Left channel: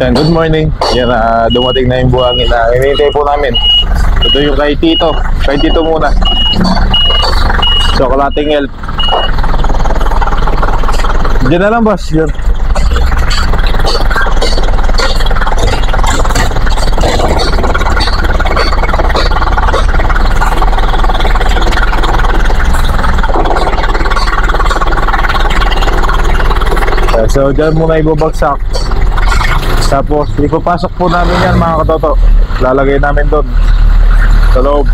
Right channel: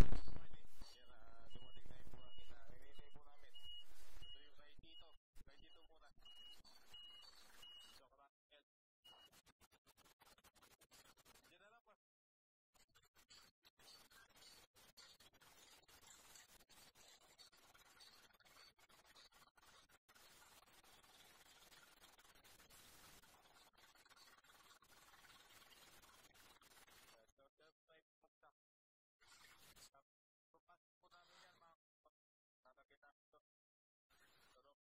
Yan, good morning. Yan, dumating na yung buhangin na hinihintay po namin. Ito yung kay Tito. Kay Tito muna. Chocolating help. Diyan na lang, boss. Diyan. So, dyan muna ibabagsak. Tapos, ipapasok po namin yan, mga katoto. Lalagay namin doon sa loob.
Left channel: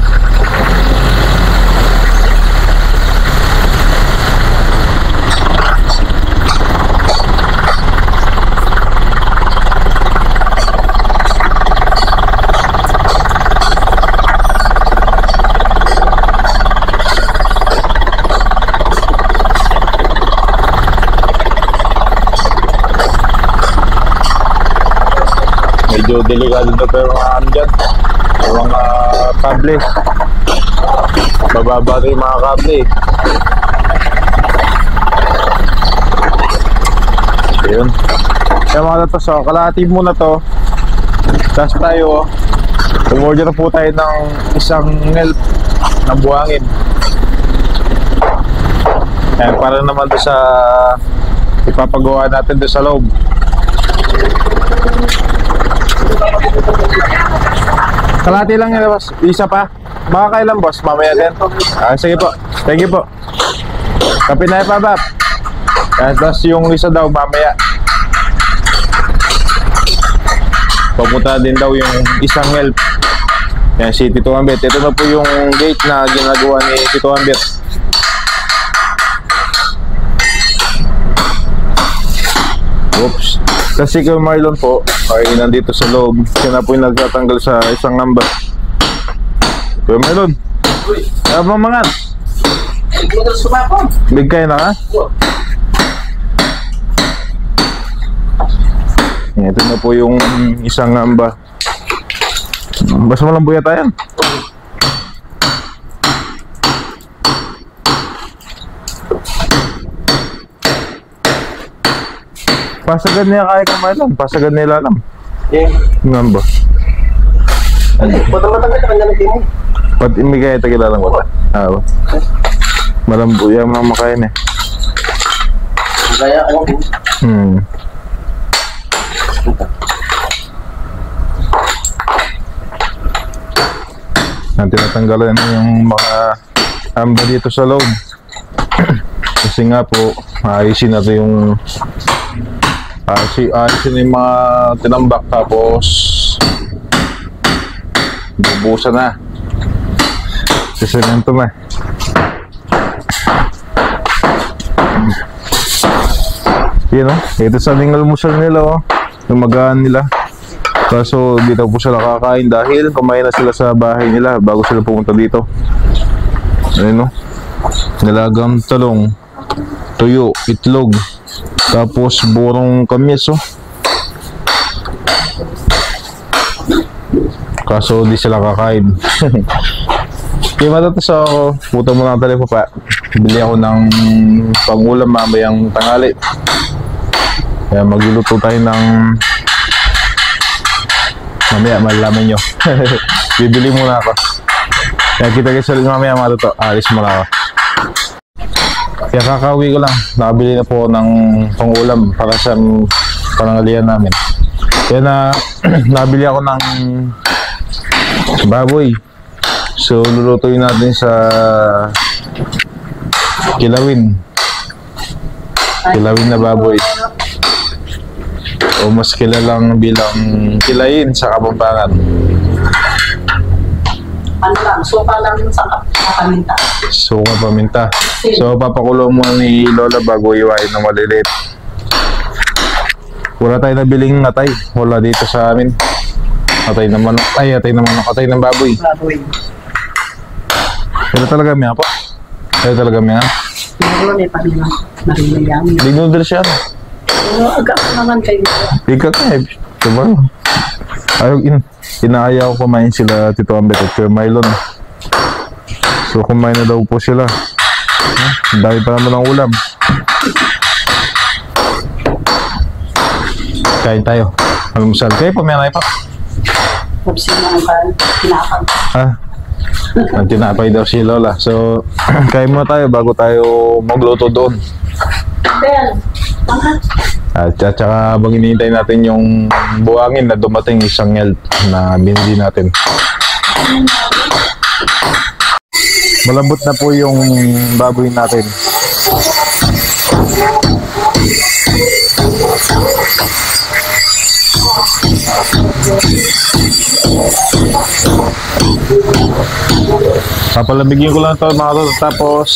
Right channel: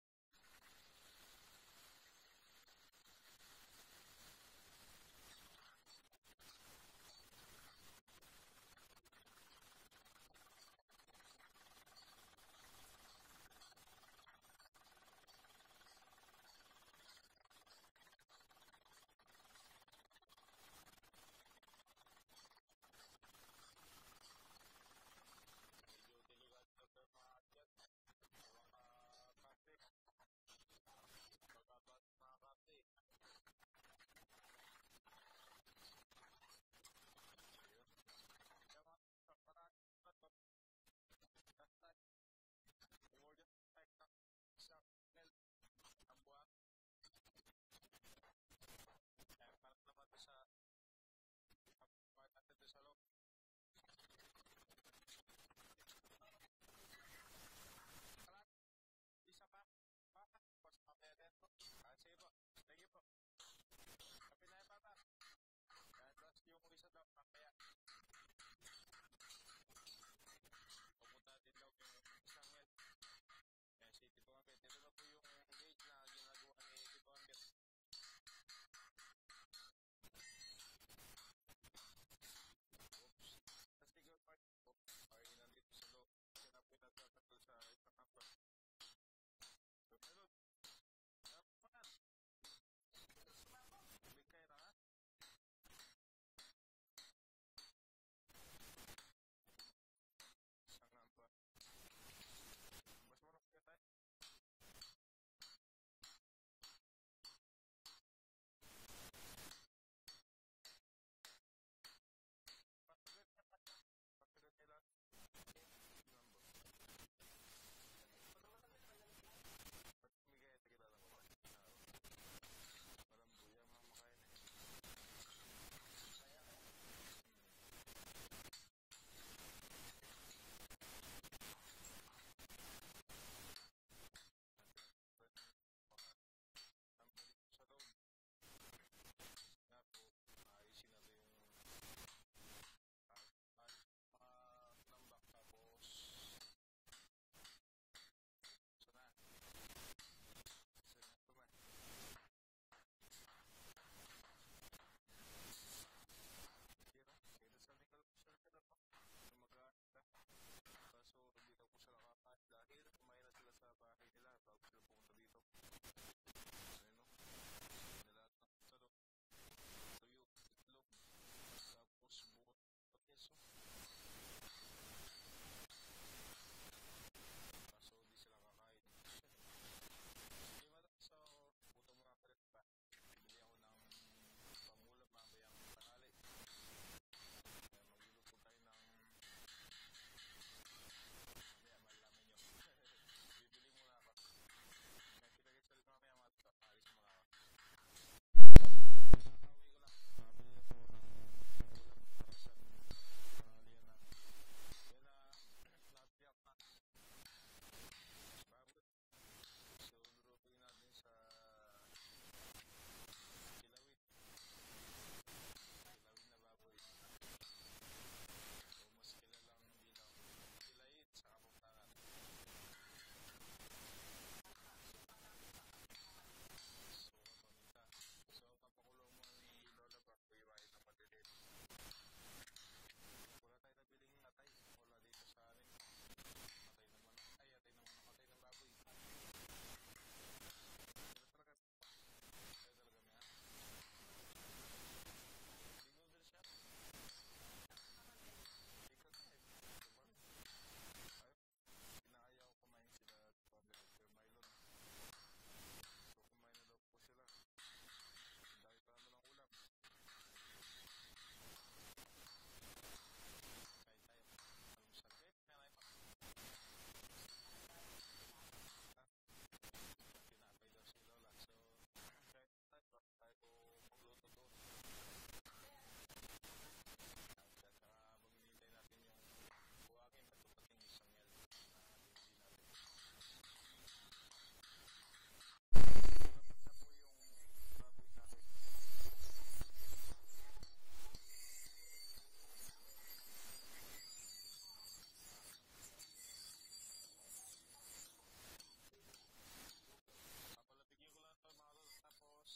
Medyo delikado na pero mga ano dyan, mga kable, bababa na yung mga kable. Ayun, kaya mga to, so kalahati muna to. Tapos tayo, umorder na po tayo ng isang help ng buhangin. Ayan, para naman to sa ipapagawa natin doon sa loob. Kalahati lang yun, boss. Isa pa. Baka kailan, boss? Mamaya din. Sige po. Thank you po. Kapit na pa, Bap. Tapos yung isa daw, mamaya. Papunta din daw yung isang help. Yan, si Tito Ambet. Ito na po yung gate na ginagawa ni Tito Ambet. Oops. Kasi kay Marlon po ay nandito sa loob. Siya na po yung nagtatanggal sa isang number. Kuya Marlon, ano bang mga? Big kayo na ka? Ito na po yung isang number. Basta mo lang buya tayo. Pasagan niya kaya ka Marlon, pasagan nila alam. Ngamba. Bata matanggal ka kanya ng timo. Pat imigay ito kilalang bata. Malambo yan mga makain eh. Gaya ako. Tinatanggalan yung mga amba dito sa loob. Kasi nga po, ayusin natin yung ayusin yung mga tinambak, tapos bubusan na, sisemento na. Yun o, ito sa aming almusal nila o, yung magaan nila. Kaso dito po sila kakain dahil kumain na sila sa bahay nila bago sila pumunta dito. Ayun o, nilagang talong, tuyo, itlog, tapos burong kamis oh. Kaso di sila kakain. Kaya matatas ako, puto mo ng telepo pa. Bili ako ng pangulam mamayang tanghali. Kaya magluluto tayo ng mamaya, malalaman nyo. Bibili muna ako. Kaya kita guys ulit mamaya matuto. Alis muna ako. Kaya kakauwi ko lang, nakabili na po ng pangulam para sa panangalian namin. Kaya nabili ako ng baboy. So lulutuin natin sa kilawin na baboy, o mas kilalang bilang kilayin sa Kapampangan. Ano lang, sopa lang sa paminta. Suka paminta. So papakulo mo ni Lola bago iwain na maliliit. Wala tayo nabiling atay. Wala dito sa amin. Atay na manok. Ay, atay na manok. Atay ng baboy. Baboy. Pero talaga miya po. Pero talaga miya. Meron eh, pati na narilayang. Big noodles yan. Pero agak naman kayo. Big kakay. Diba? Ayaw, inaaya ko kumain sila Tito Ambet at Kuya Marlon. So kumain na daw po sila. Dahil pa naman ng ulam. Kain tayo. Almusal. Kayo po, may anay pa. Tapos yung mga pinapag. Ah, ang tinapay daw si Lola. So, kain muna tayo bago tayo magluto doon. Bel, mga. At saka habang hinihintay natin yung buhangin na dumating isang yelt na binili natin. Malambot na po yung baboy natin. Papalambigin ko lang ito mga to, tapos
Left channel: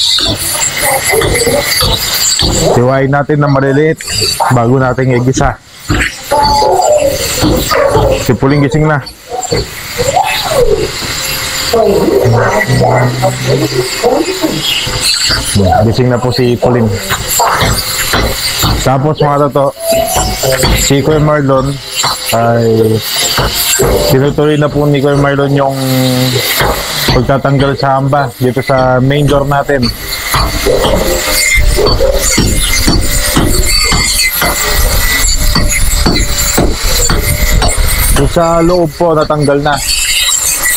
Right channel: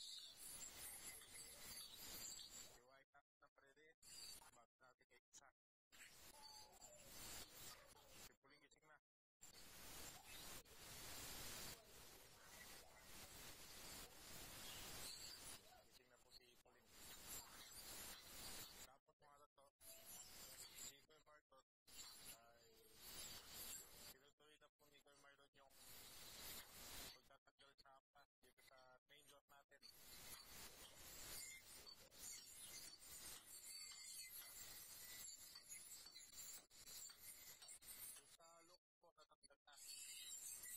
hiwain natin na maliliit bago natin igisa. Si Puling gising na. Gising na po si Puling. Tapos mga toto, si Kuya Marlon ay tinutuloy na po ni Kuya Marlon yung pagtatanggal sa hamba dito sa main door natin. Yung sa loob po natanggal na.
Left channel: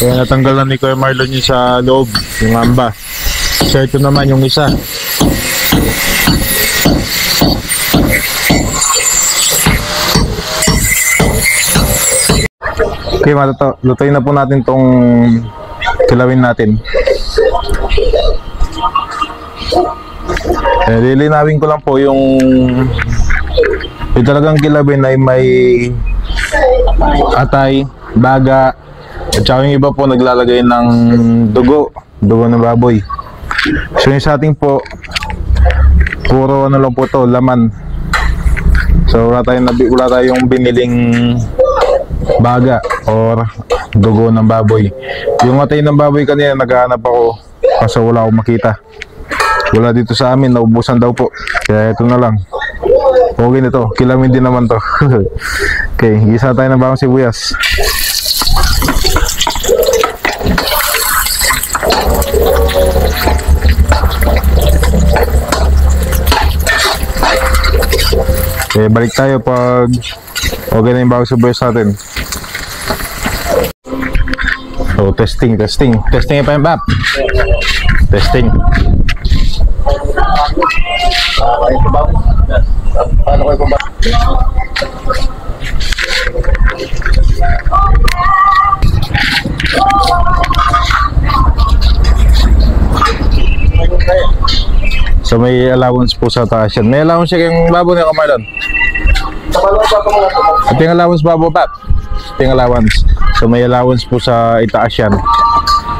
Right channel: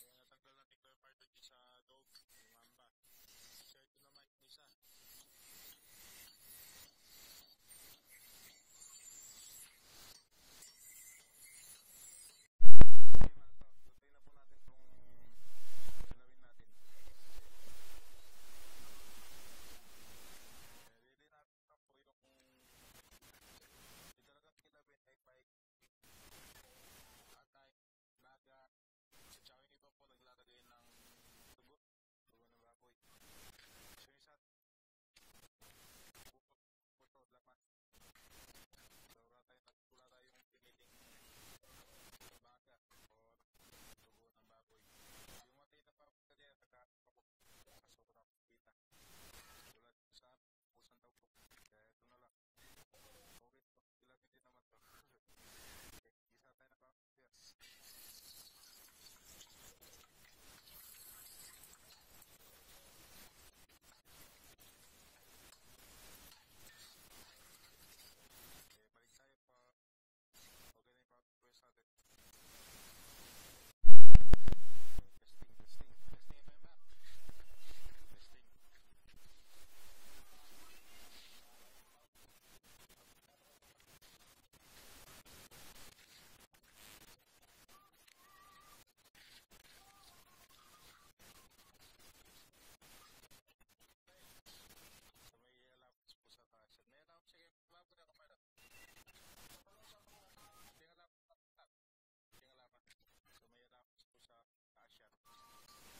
Kaya natanggal na ni Kuya Marlon yung sa loob, yung hamba. So ito naman yung isa. Okay mga toto, lutuin na po natin tong kilawin natin. Lilinawin ko lang po yung talagang kilawin ay may atay, baga, at saka yung iba po naglalagay ng dugo ng baboy. So yung sa ating po, puro ano lang po to, laman. So wala tayong biniling baga or dugo ng baboy. Yung atay ng baboy kanina naghahanap ako kasi wala akong makita. Wala dito sa amin, naubusan daw po. Kaya ito na lang. Okay na to, kilamin din naman to. Okay, gisa tayo ng bawang sibuyas. Okay, balik tayo pag okay na yung bawang sibuyas natin. So, testing. Testing pa yung bab. Testing. Paano kayo kumbaga? So may allowance po sa taas yan. May allowance siya kayong babo niya, Kamarlon. Ito yung allowance babo, Pap. Ito yung allowance. So may allowance po sa itaas yan.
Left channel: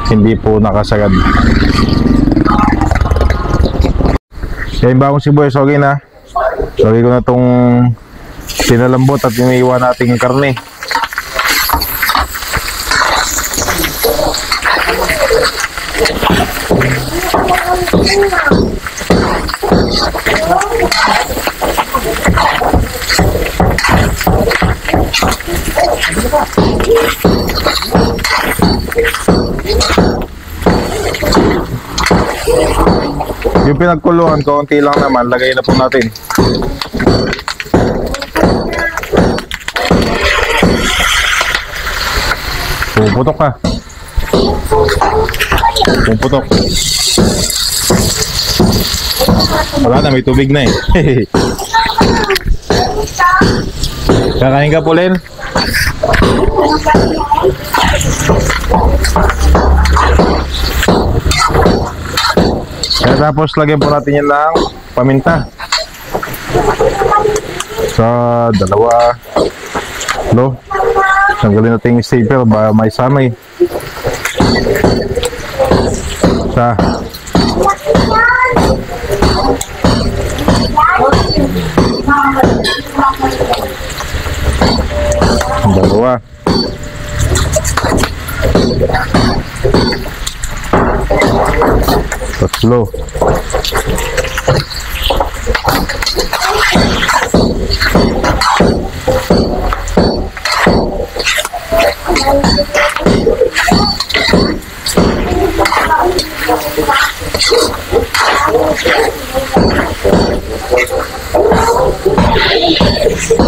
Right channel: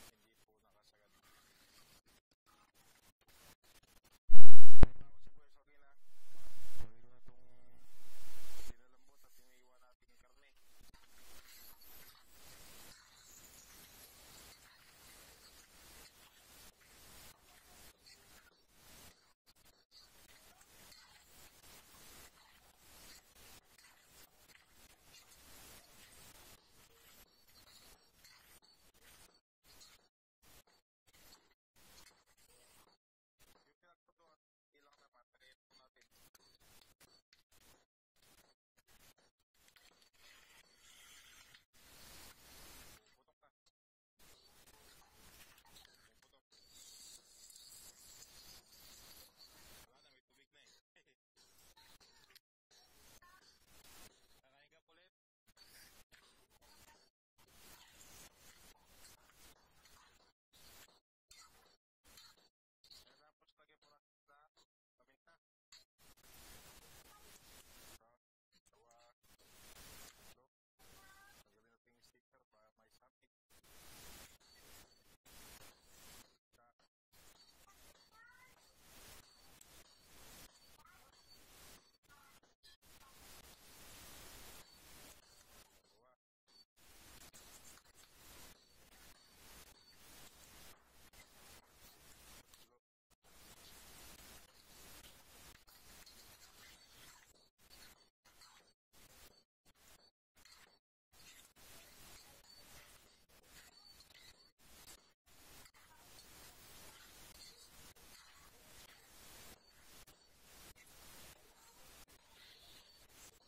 Hindi po nakasagad. Kaya yung bagong sibuyas, okay na. Lagay ko na itong pinalambot at iniiwan nating karne. Yung pinagkuluan, kaunti lang naman, lagay na po natin. Pumuputok ka. Pumuputok. Wala na, may tubig na eh. Kakain ka, Pauline? Kaya tapos lagyan po natin yan ng paminta. Sa dalawa. Lo. Tanggalin natin yung stapler ba may samay. Sa dalawa. Tatlo.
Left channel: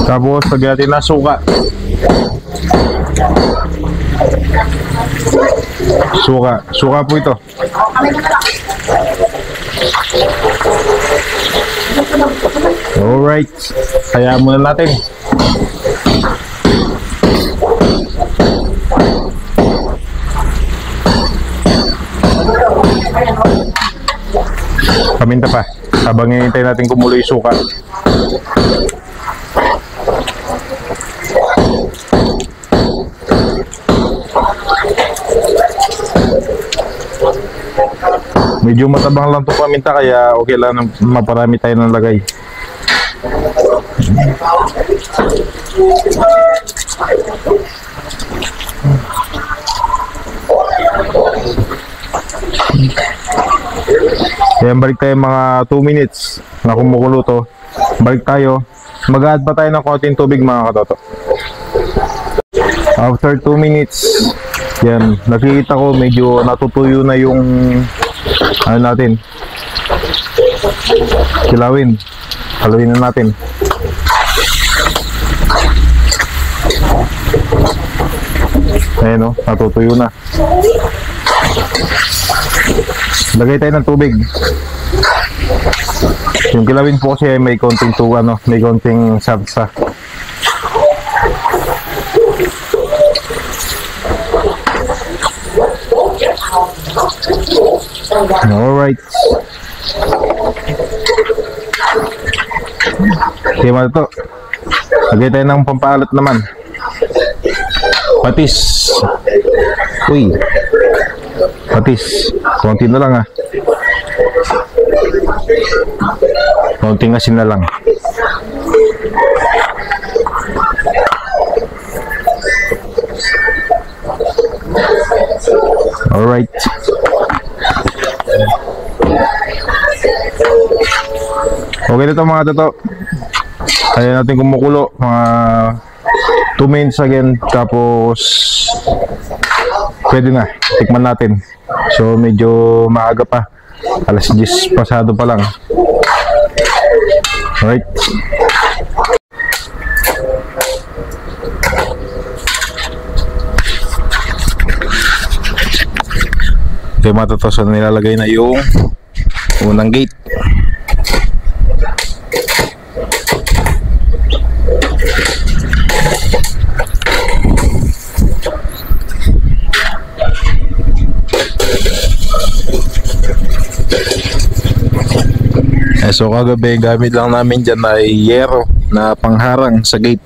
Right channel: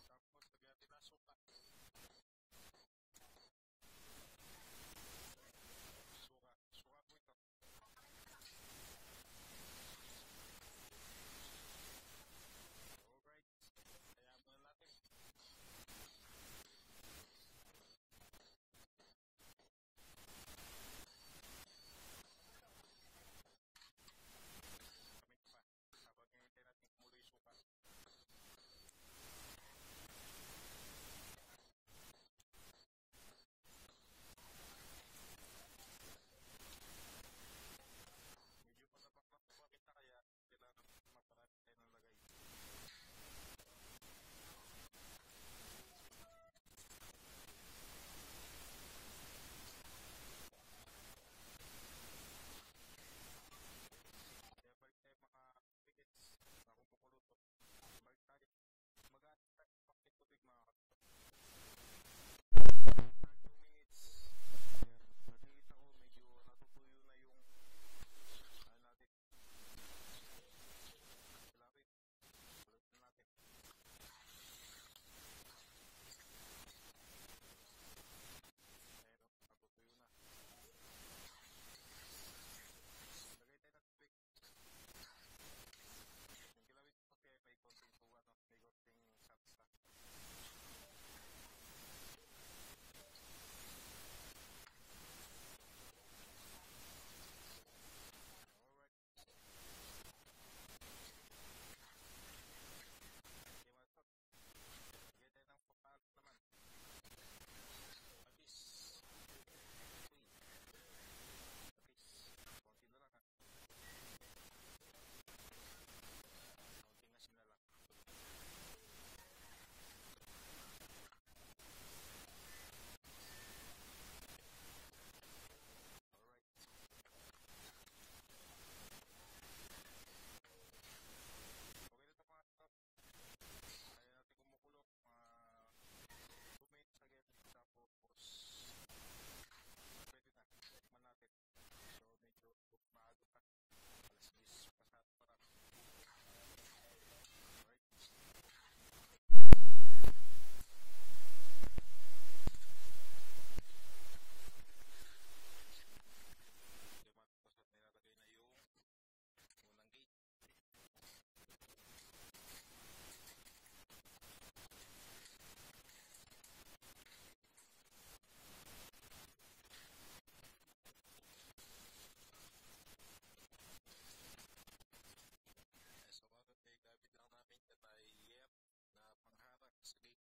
Tapos lagyan natin ng suka. Suka po ito. Alright, kaya muna natin. Paminta pa habang hinihintay natin kumulo yung suka. Medyo matabang lang itong paminta kaya okay lang na maparami tayo ng lagay. Kaya balik tayo mga 2 minutes na kumukulo to. Balik tayo. Mag-add pa tayo ng konting tubig mga katoto. After 2 minutes, yan, nakikita ko medyo natutuyo na yung ano natin. Kilawin. Haluin na natin. Ayan o, natutuyo na. Lagay tayo ng tubig. Yung kilawin po kasi may konting may konting sarsa. Alright. Okay, mga to. Lagay tayo ng pampaalat naman. Patis. Uy. Patis. Konti na lang ah. Konting asin na lang. Alright. Okay na ito mga toto. Kaya natin kumukulo mga 2 minutes again. Tapos pwede na. Tikman natin. So medyo maaga pa. Alas 10 pasado pa lang. Alright. Okay mga toto. So nilalagay na yung unang gate. So kagabi gamit lang namin dyan ay yero na pangharang sa gate.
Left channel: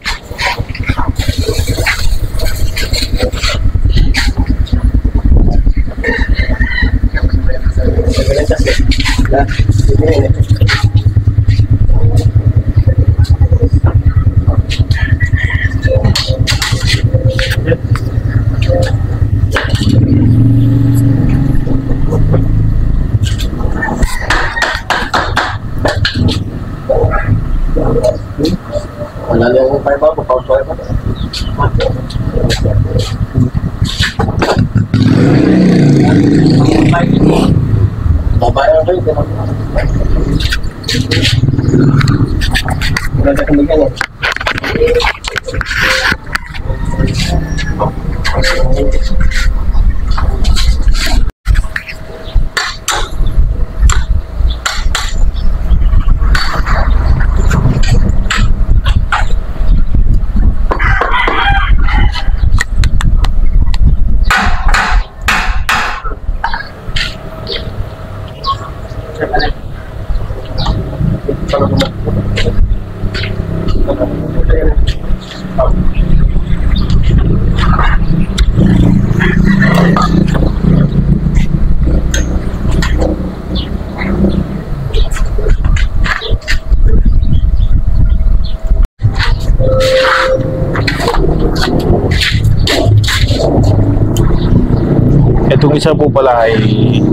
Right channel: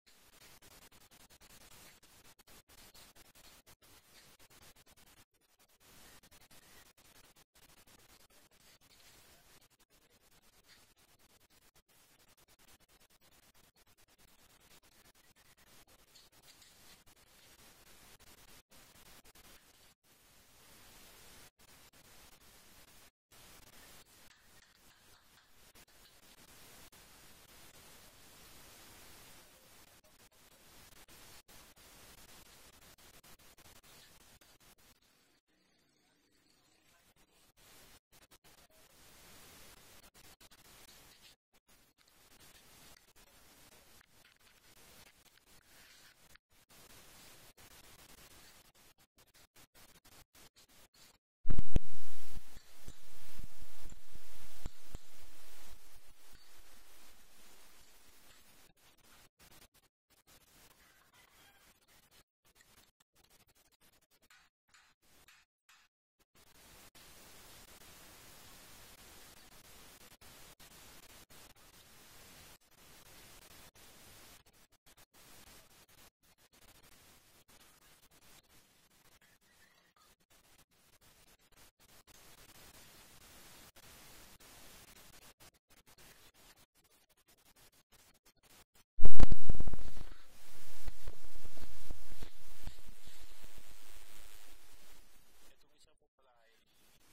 Itong isa po pala ay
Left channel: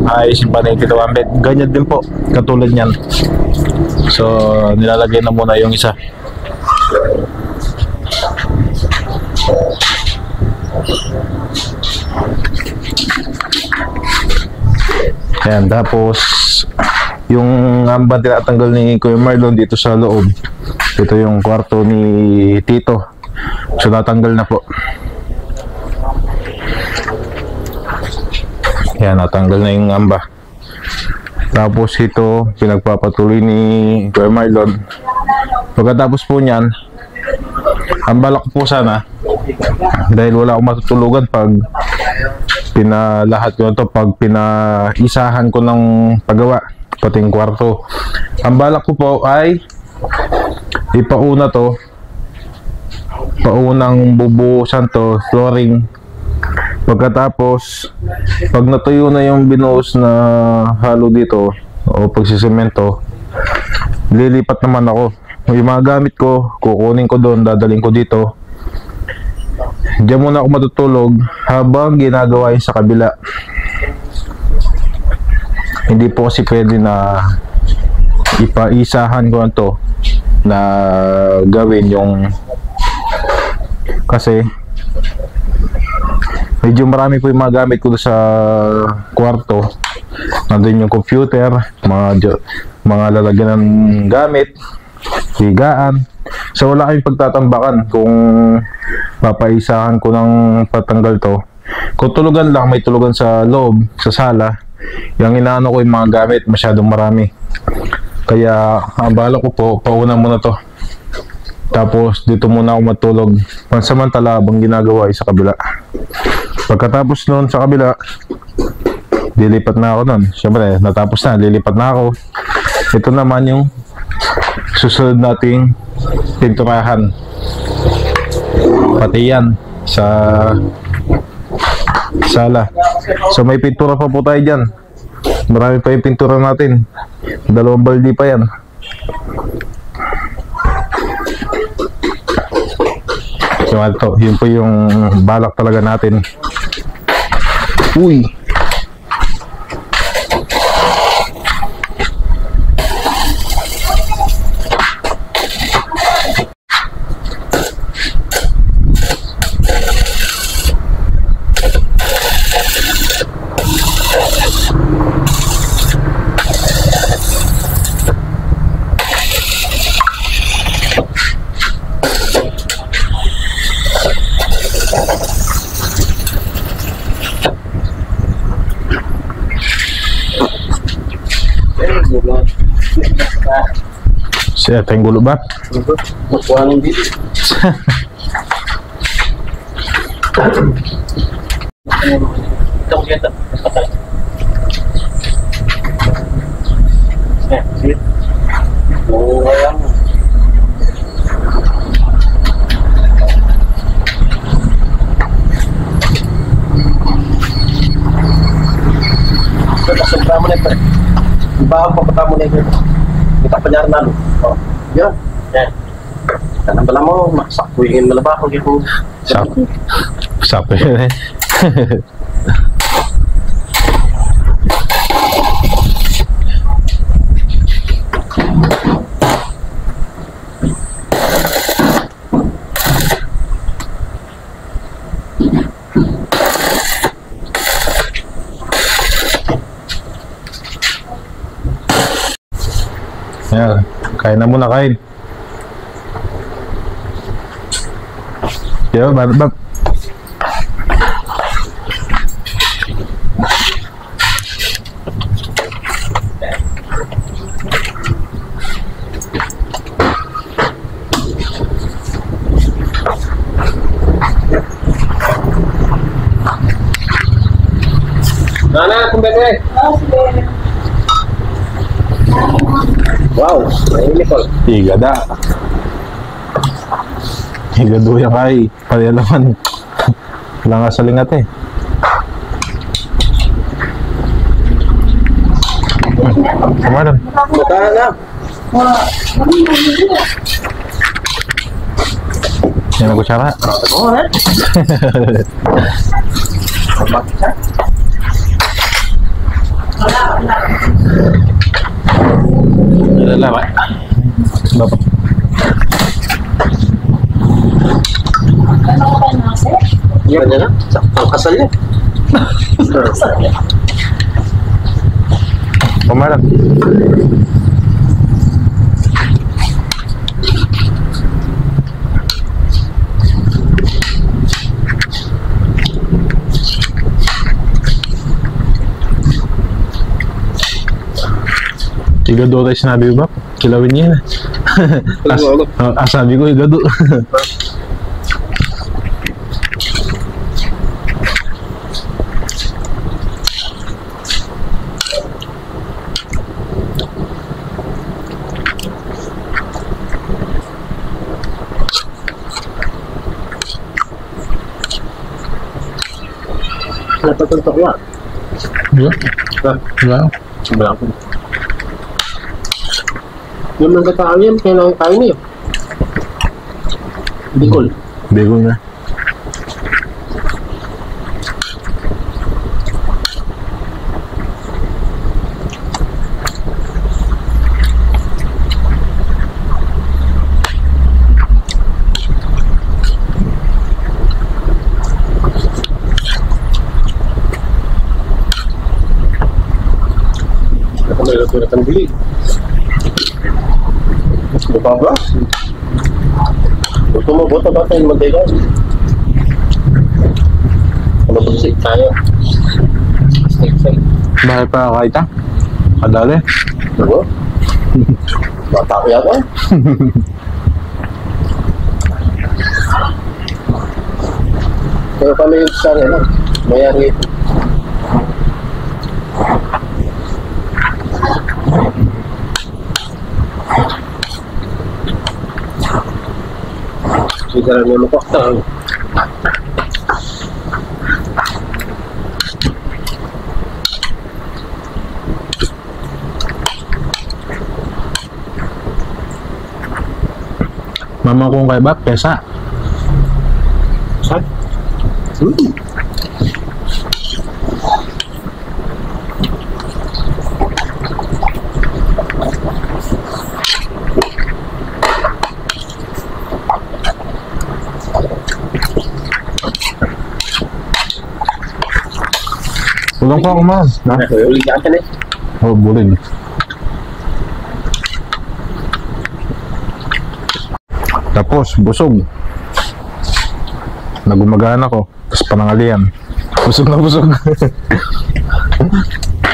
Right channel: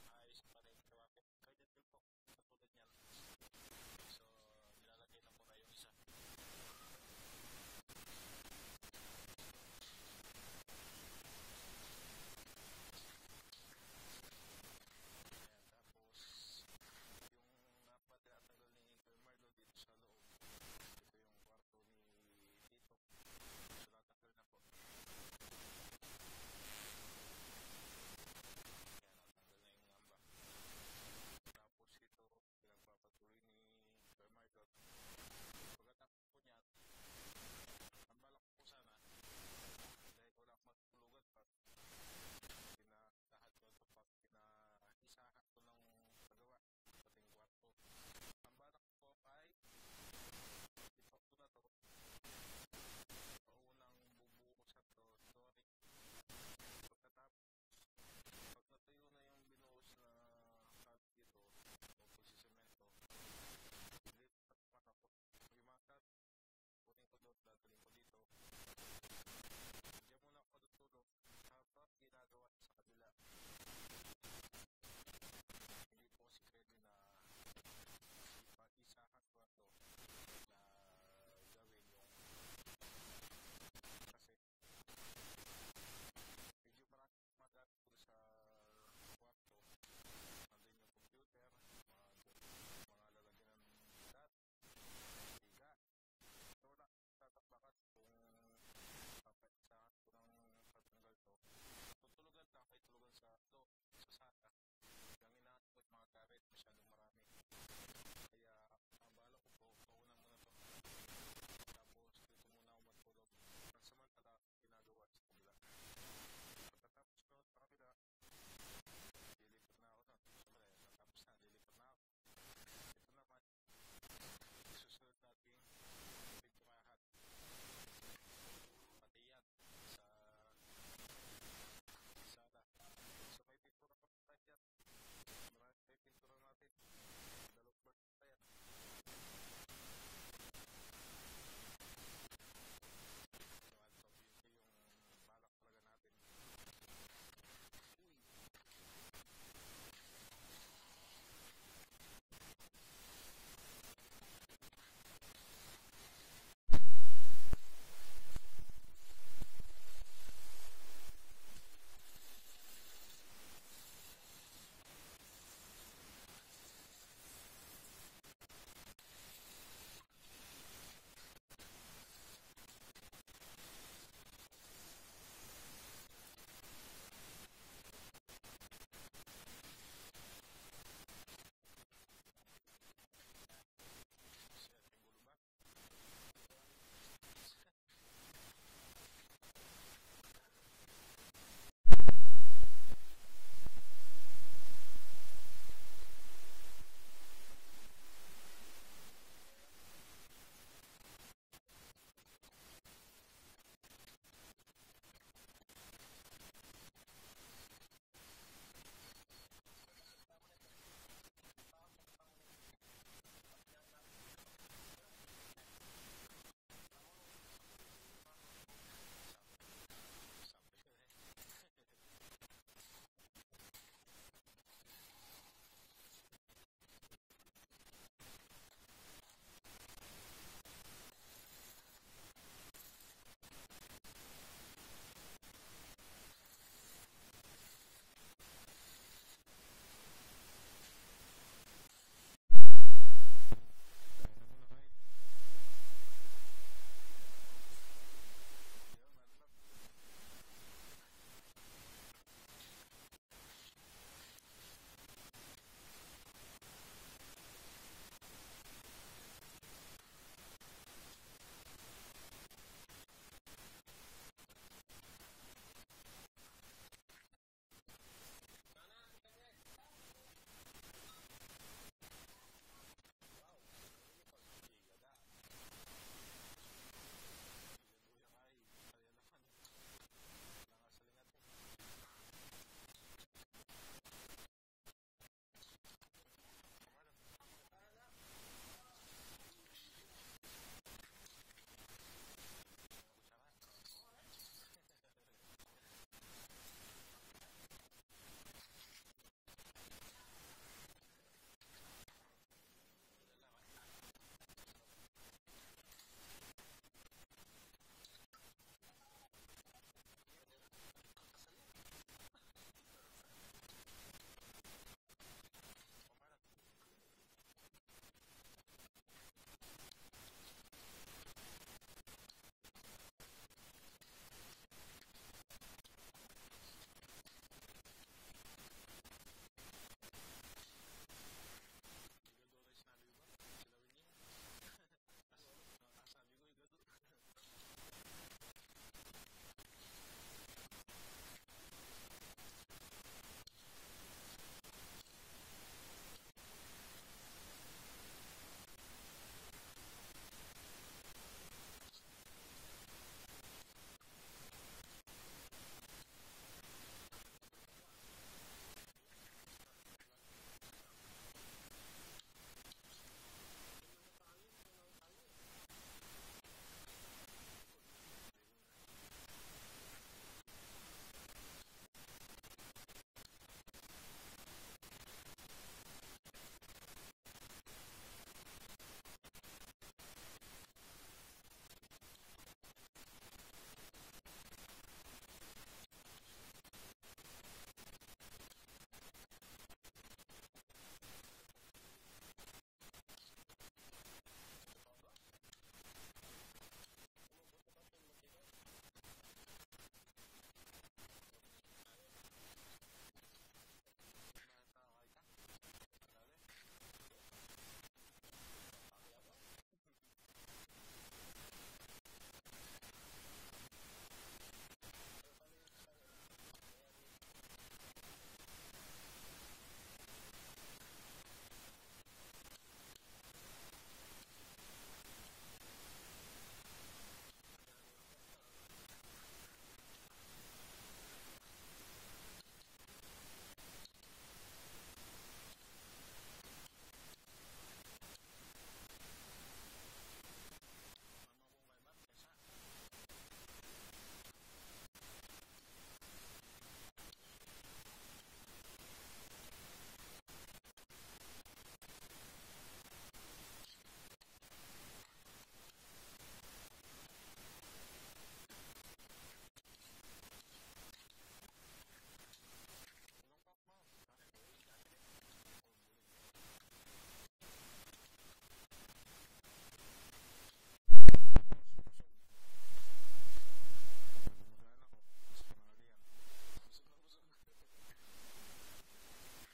ayusin pa na yung kitawan bed. Ganyan din po, katulad niyan. So, nilalagay na muna yung isa. Ayan, tapos yung ambang tinatanggal ni Kuya Marlon dito sa loob. Ito yung kwarto ni Tito. So So natanggal na po. Yan, natanggal na yung amba. Tapos ito, pinagpapatuloy ni Kuya Marlon. Pagkatapos po niyan, ang balak po sana, dahil wala akong matutulugan pag pinalahat ko na to, pag pinaisahan ko ng paggawa, pati yung kwarto. Ang balak ko po ay ipauna to, paunang bubuhusan to, flooring. Pagkatapos, pag natuyo na yung binuhos na halo dito o pagsisemento, lilipat naman ako. Yung mga gamit ko, kukunin ko doon, dadaling ko dito. Diyan muna ako matutulog habang ginagawa yun sa kabila. Hindi po kasi pwede na ipaisahan ko na to na gawin yung, kasi medyo marami po yung mga gamit ko sa kwarto. Nandun yung computer, mga lalagyan ng gamit, higaan. So wala kayong pagtatambakan kung papaisahan ko ng patanggal to. Kung tulugan lang, may tulugan sa loob, sa sala. Yung inaano ko yung mga gamit, masyadong marami. Kaya ang bala ko po, pauna muna to. Tapos dito muna ako matulog. Pansamantala habang ginagawa ay sa kabila. Pagkatapos noon sa kabila, lilipat na ako noon. Siyempre, natapos na, lilipat na ako. Ito naman yung susunod nating pinturahan. Pati yan sa sala. So may pintura pa po tayo dyan. Marami pa yung pintura natin. 2 baldi pa yan. So ito, yun po yung balak talaga natin. Uy! Siya tayong gulo ba? Makuha ng dito. Ito kita. Sit. Oo, ayan. Sobra mo na ito. Ibahag pa pata mo na ito. Kita pa niya rin. Oh, yun. Yan. Tanang bala mo, sakpuingin mo na ba kung yung... Sapo yun eh. Ayan, kain na muna, kain. Yo, bab. Nana, kumbebe. Wow, ini Nicole. Igada. Igado yung kay. Palialaman. Wala nga sa lingat eh. Kamaran. Matahan na. Yan ang kutsara. Oo, ha? Lalawa. Bapak. Yan niya na. Ang kasal niya. Kamaran. Igado tayo sinabi ko ba? Kilawin niya na. Sabi ko, igado. Napatuntok nga. Diba? Diba? Wala ko. Yung mga tao yan, kailangan tayo niyo. Bicol. Bigol na. Ako may natulat ang bili. Buka ba? Gusto mo, buta ba tayo magdega? Ano po si tayo? Steak. Bakit pa kakaita? Kadali. Ano? Bata ko yata. Pero kami yung sa ano, mayari ito. Hindi lang yung lupakta. Mama kong kay Bap, pesa. Saan? Ulang pa ako man. Na? Uli ka akin eh. Oh, bulig. Tapos, busog. Nagumagana ko. Tapos panangalian. Busog na busog.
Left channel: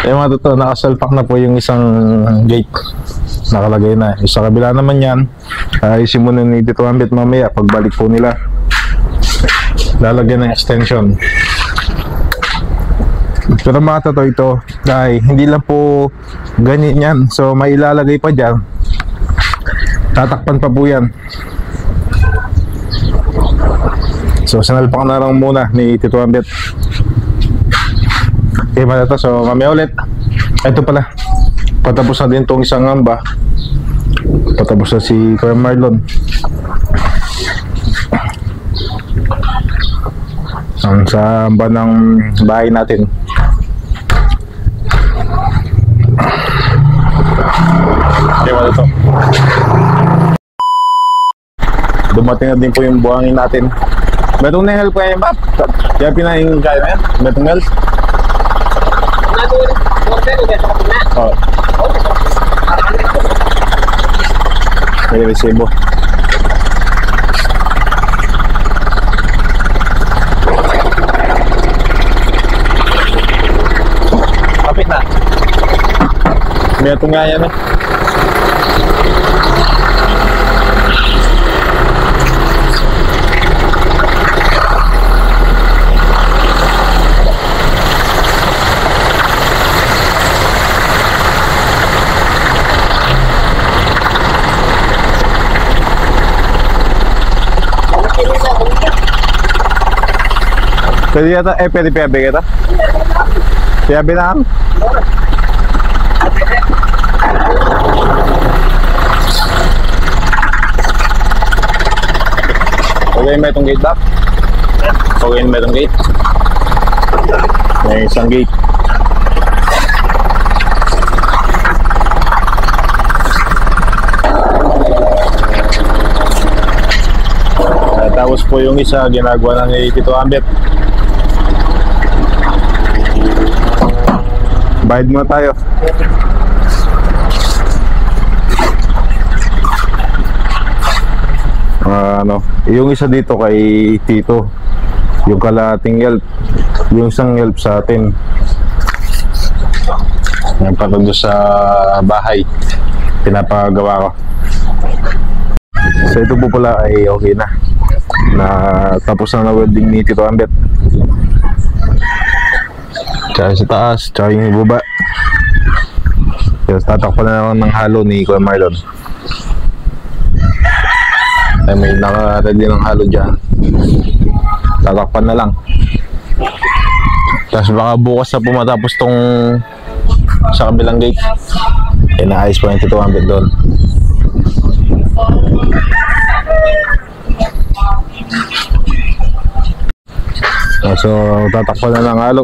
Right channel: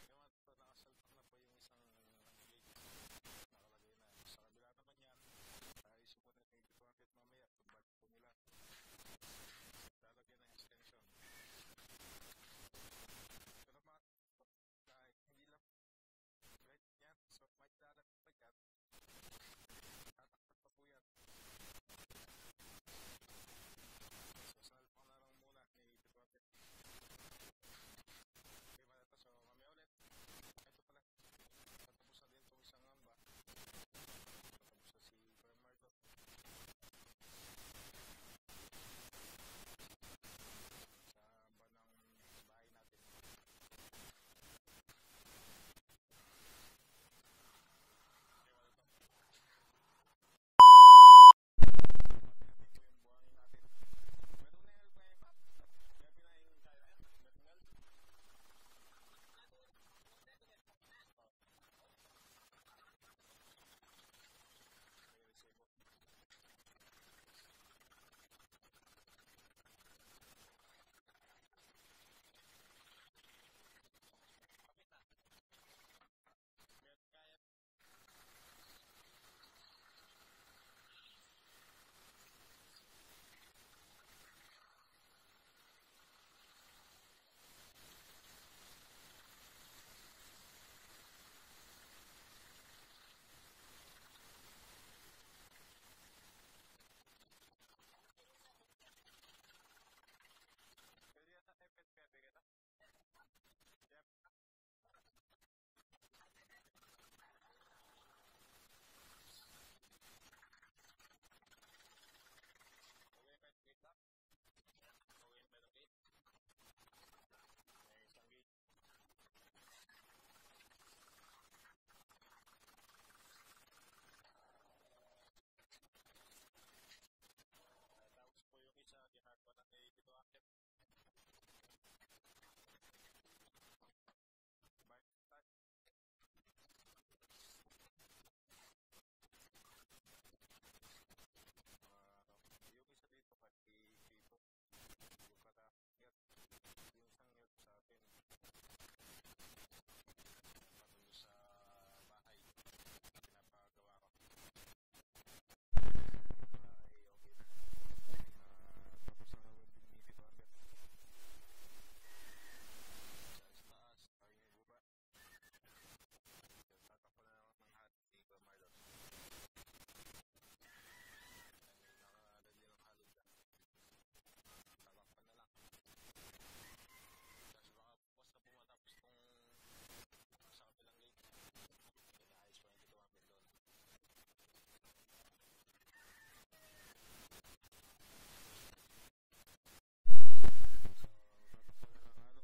Eh mga totoo, nakasalpak na po yung isang gate. Nakalagay na. Yung sa kabila naman yan, ayusin muna ni Tito Ambit mamaya pagbalik po nila. Lalagyan ng extension. Pero mga totoo ito, dahil hindi lang po ganyan yan. So may ilalagay pa dyan. Tatakpan pa po yan. So sinalpak na lang muna ni Tito Ambit. Okay mga totoo, so mamaya ulit. Ito pala, patapos na din itong isang amba. Patapos na si Kuya Marlon. Sa amba ng bahay natin. Okay mga totoo, dumating na din po yung buhangin natin. Metong na help kayo map. Kaya pinahingin kayo na yan. Metong help. Oh. May resibo. Kapit na. Metong nga yan eh. Pwede yata, pwede piyabe kita? Piyabe na ang? Okay, may itong gate back? Okay, may itong gate? May isang gate. Tapos po yung isa, ginagawa na ni Tito Ambit. Bayad muna tayo. Yung isa dito kay Tito, yung kalahating help, yung isang help sa atin, yung patundo sa bahay. pinapagawa ko. So ito po pala ay okay na. Tapos na welding ni Tito Ambet. Tsaka sa taas, tsaka yung ibaba. Tapos tatakpan na naman ng halo ni Kuya Marlon. Ay may naka-ready ng halo dyan. Tatakpan na lang. Tapos baka bukas na po matapos tong sa kabilang gate. Inaayos po yung Tito Ambet doon. So tatakpan na ng halo.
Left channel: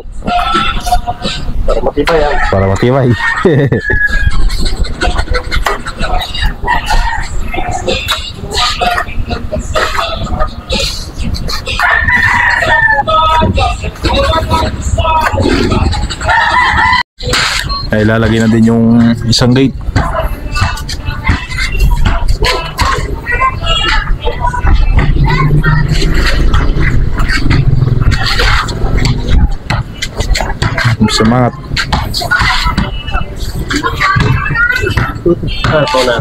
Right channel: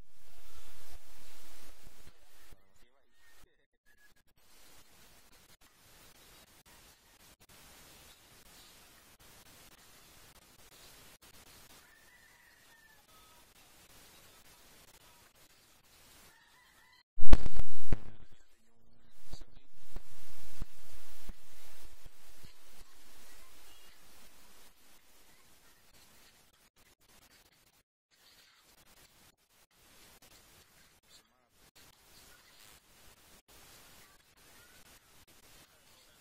Para matibay yan. Para matibay. Ay lalagay na din yung isang gate. Semangat. Ito na.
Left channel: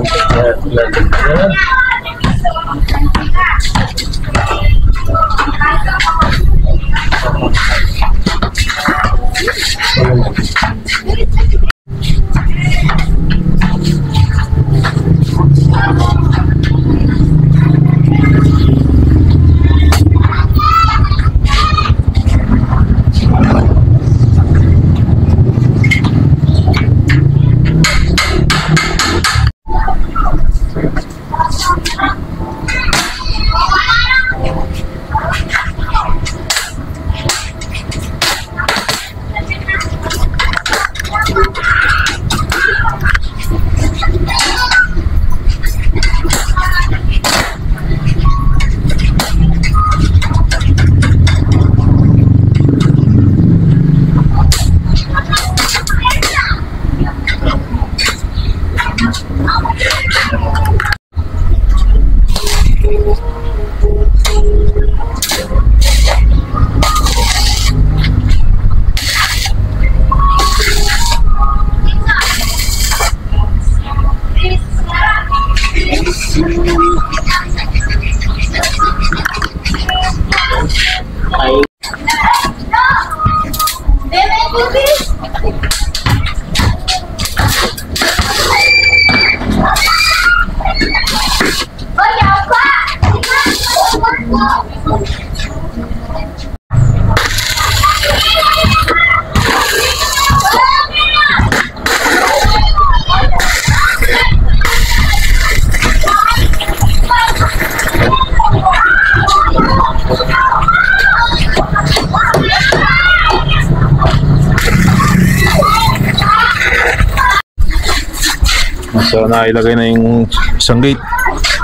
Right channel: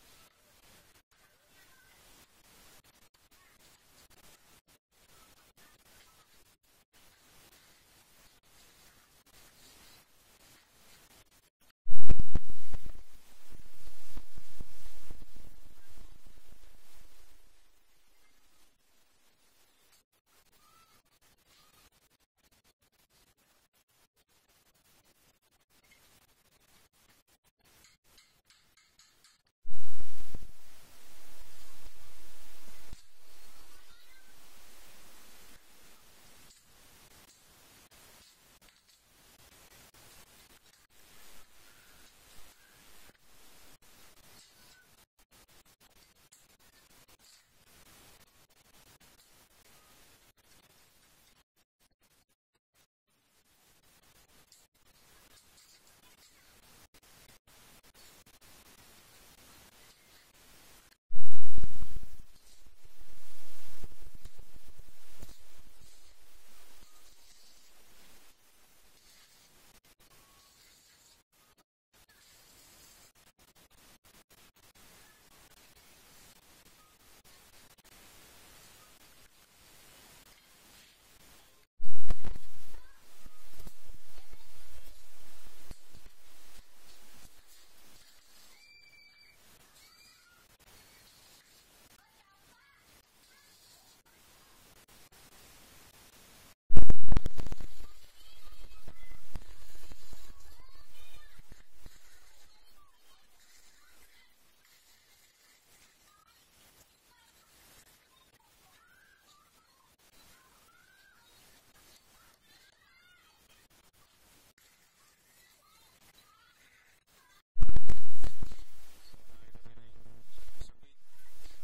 So nailagay na yung isang gate.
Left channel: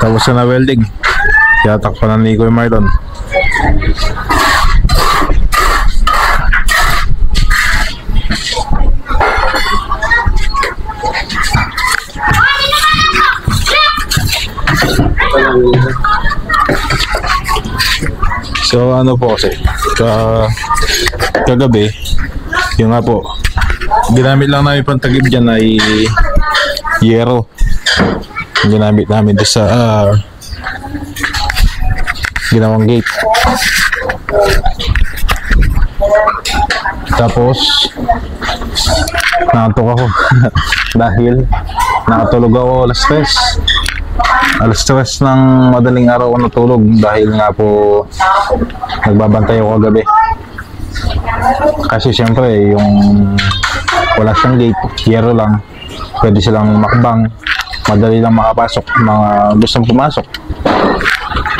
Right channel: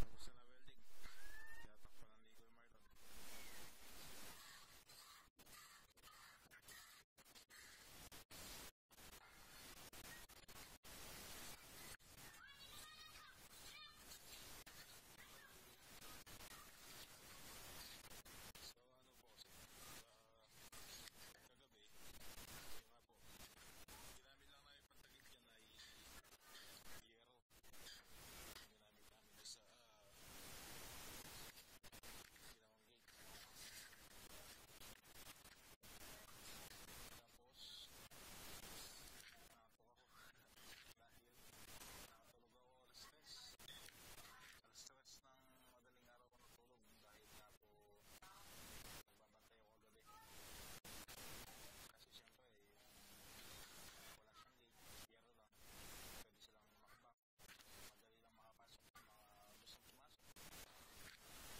Tapos na welding. Kaya takpan na ni Kuya Marlon. So ano po kasi kagabi yung nga po ginamit lang namin pantagib dyan ay yero. Yung ginamit namin doon sa ginawang gate. Tapos nakatok ako dahil nakatulog ako alas 3 ng madaling araw ako natulog dahil nga po nagbabantay ako kagabi. Kasi syempre yung wala siyang gate, yero lang, pwede silang makbang, madali lang makapasok mga gustong pumasok,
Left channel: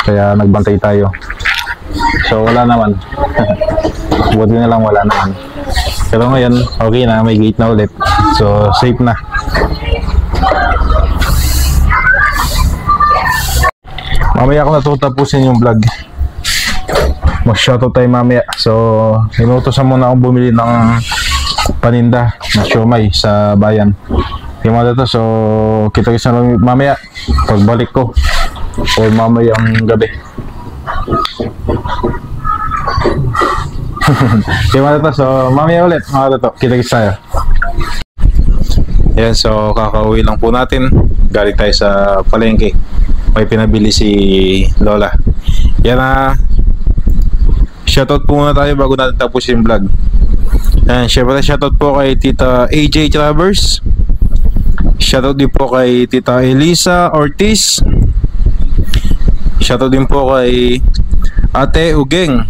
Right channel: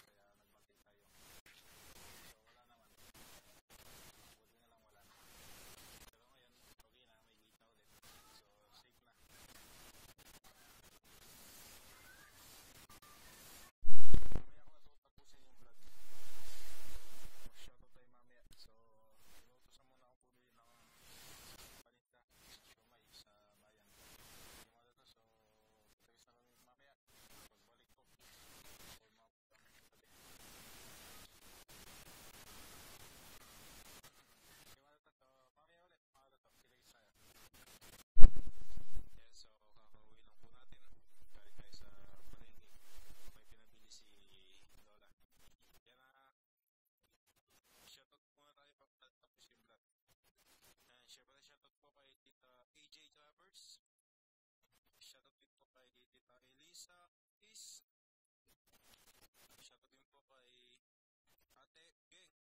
kaya nagbantay tayo. So wala naman. Buti na lang wala naman, pero ngayon okay na, may gate na ulit, so safe na. Mamaya ako natutapusin yung vlog, mag-shoutout tayo mamaya. So inutosan muna akong bumili ng paninda na siomay sa bayan. Yung mga dito, so kita-kita na lang mamaya pagbalik ko o mamayang gabi. Yung mga dito, so mamaya ulit mga dito, kita-kita tayo. Yan, so kakauwi lang po natin galing tayo sa palengke. May pinabili si Lola. Yan na. Shoutout po muna tayo bago natin tapusin yung vlog. And syempre shoutout po kay Tita AJ Travers. Shoutout din po kay Tita Elisa Ortiz. Shoutout din po kay Ate Ugeng.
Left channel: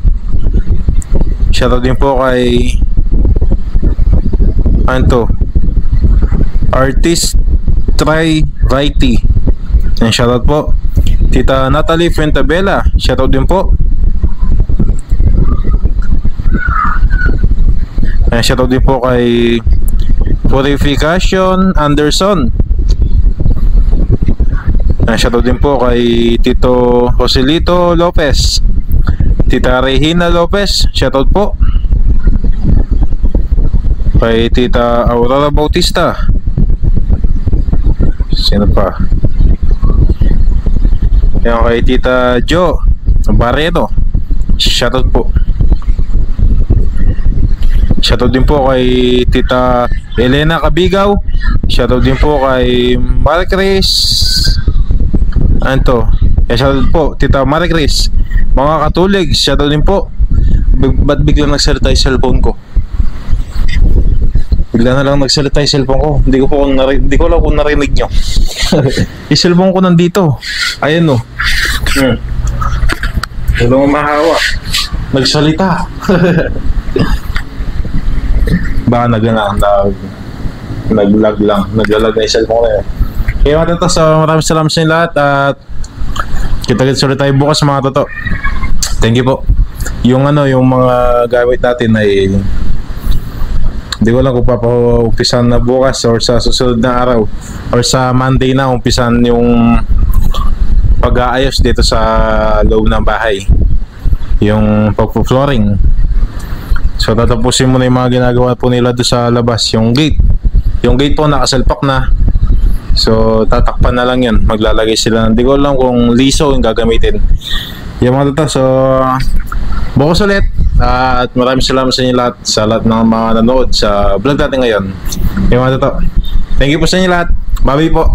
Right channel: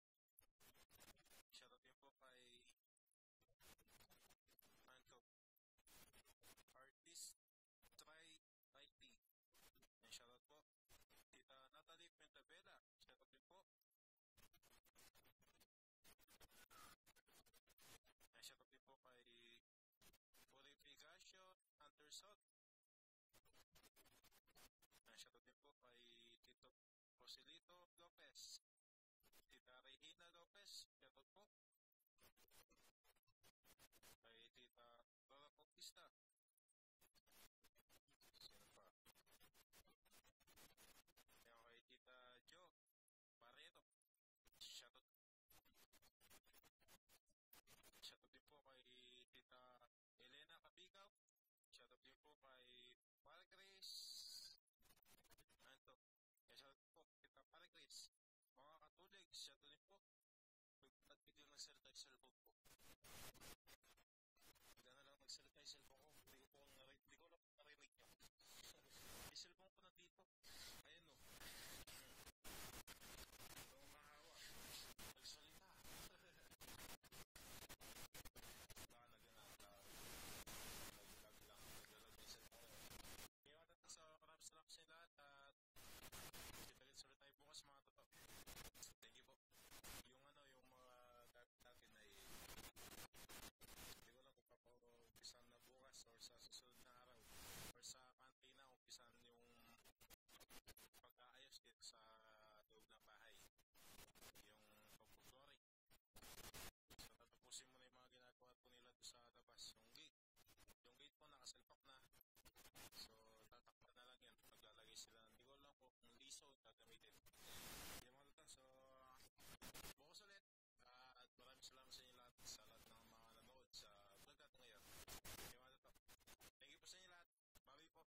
Shoutout din po kay Artist Try Righty. And shoutout po Tita Natalie Fuentabella. Shoutout din po. And shoutout din po kay Purification Anderson. And shoutout din po kay Tito Joselito Lopez. Tita Regina Lopez. Shoutout po kay Tita Aurora Bautista. Sino pa? Yan, kay Tita Jo Barreto. Shoutout po. Shoutout din po kay Tita Elena Cabigaw. Shoutout din po kay Maricris. Shoutout po Tita Maricris. Mga katulig, shoutout din po. Ba't biglang nagsalita yung cellphone ko? Bigla na lang nagsalita yung cellphone ko. Hindi ko alam kung narinig nyo. Yung cellphone ko nandito. Ayan o. Walang mahawa. Nagsalita. Baka nag-lag lang. Nag-lag na yung cellphone ko na yun. Kaya matata, so maraming salamat sa inyo lahat. At kita-kits ulit tayo bukas mga toto. Thank you po. Yung mga gamit natin ay hindi ko lang kung papaumpisan na bukas or sa susunod na araw or sa Monday na umpisan yung pag-aayos dito sa loob ng bahay, yung pag-flooring. So tatapusin mo na yung mga ginagawa po nila doon sa labas. Yung gate po nakasalpak na, so tatakpan na lang yun. Maglalagay sila, hindi ko alam kung liso yung gagamitin yung mga toto. So bukas ulit. At maraming salamat sa inyo lahat, sa lahat ng mga nanood sa vlog natin ngayon. Yung mga toto, thank you po sa inyo lahat. Bye po.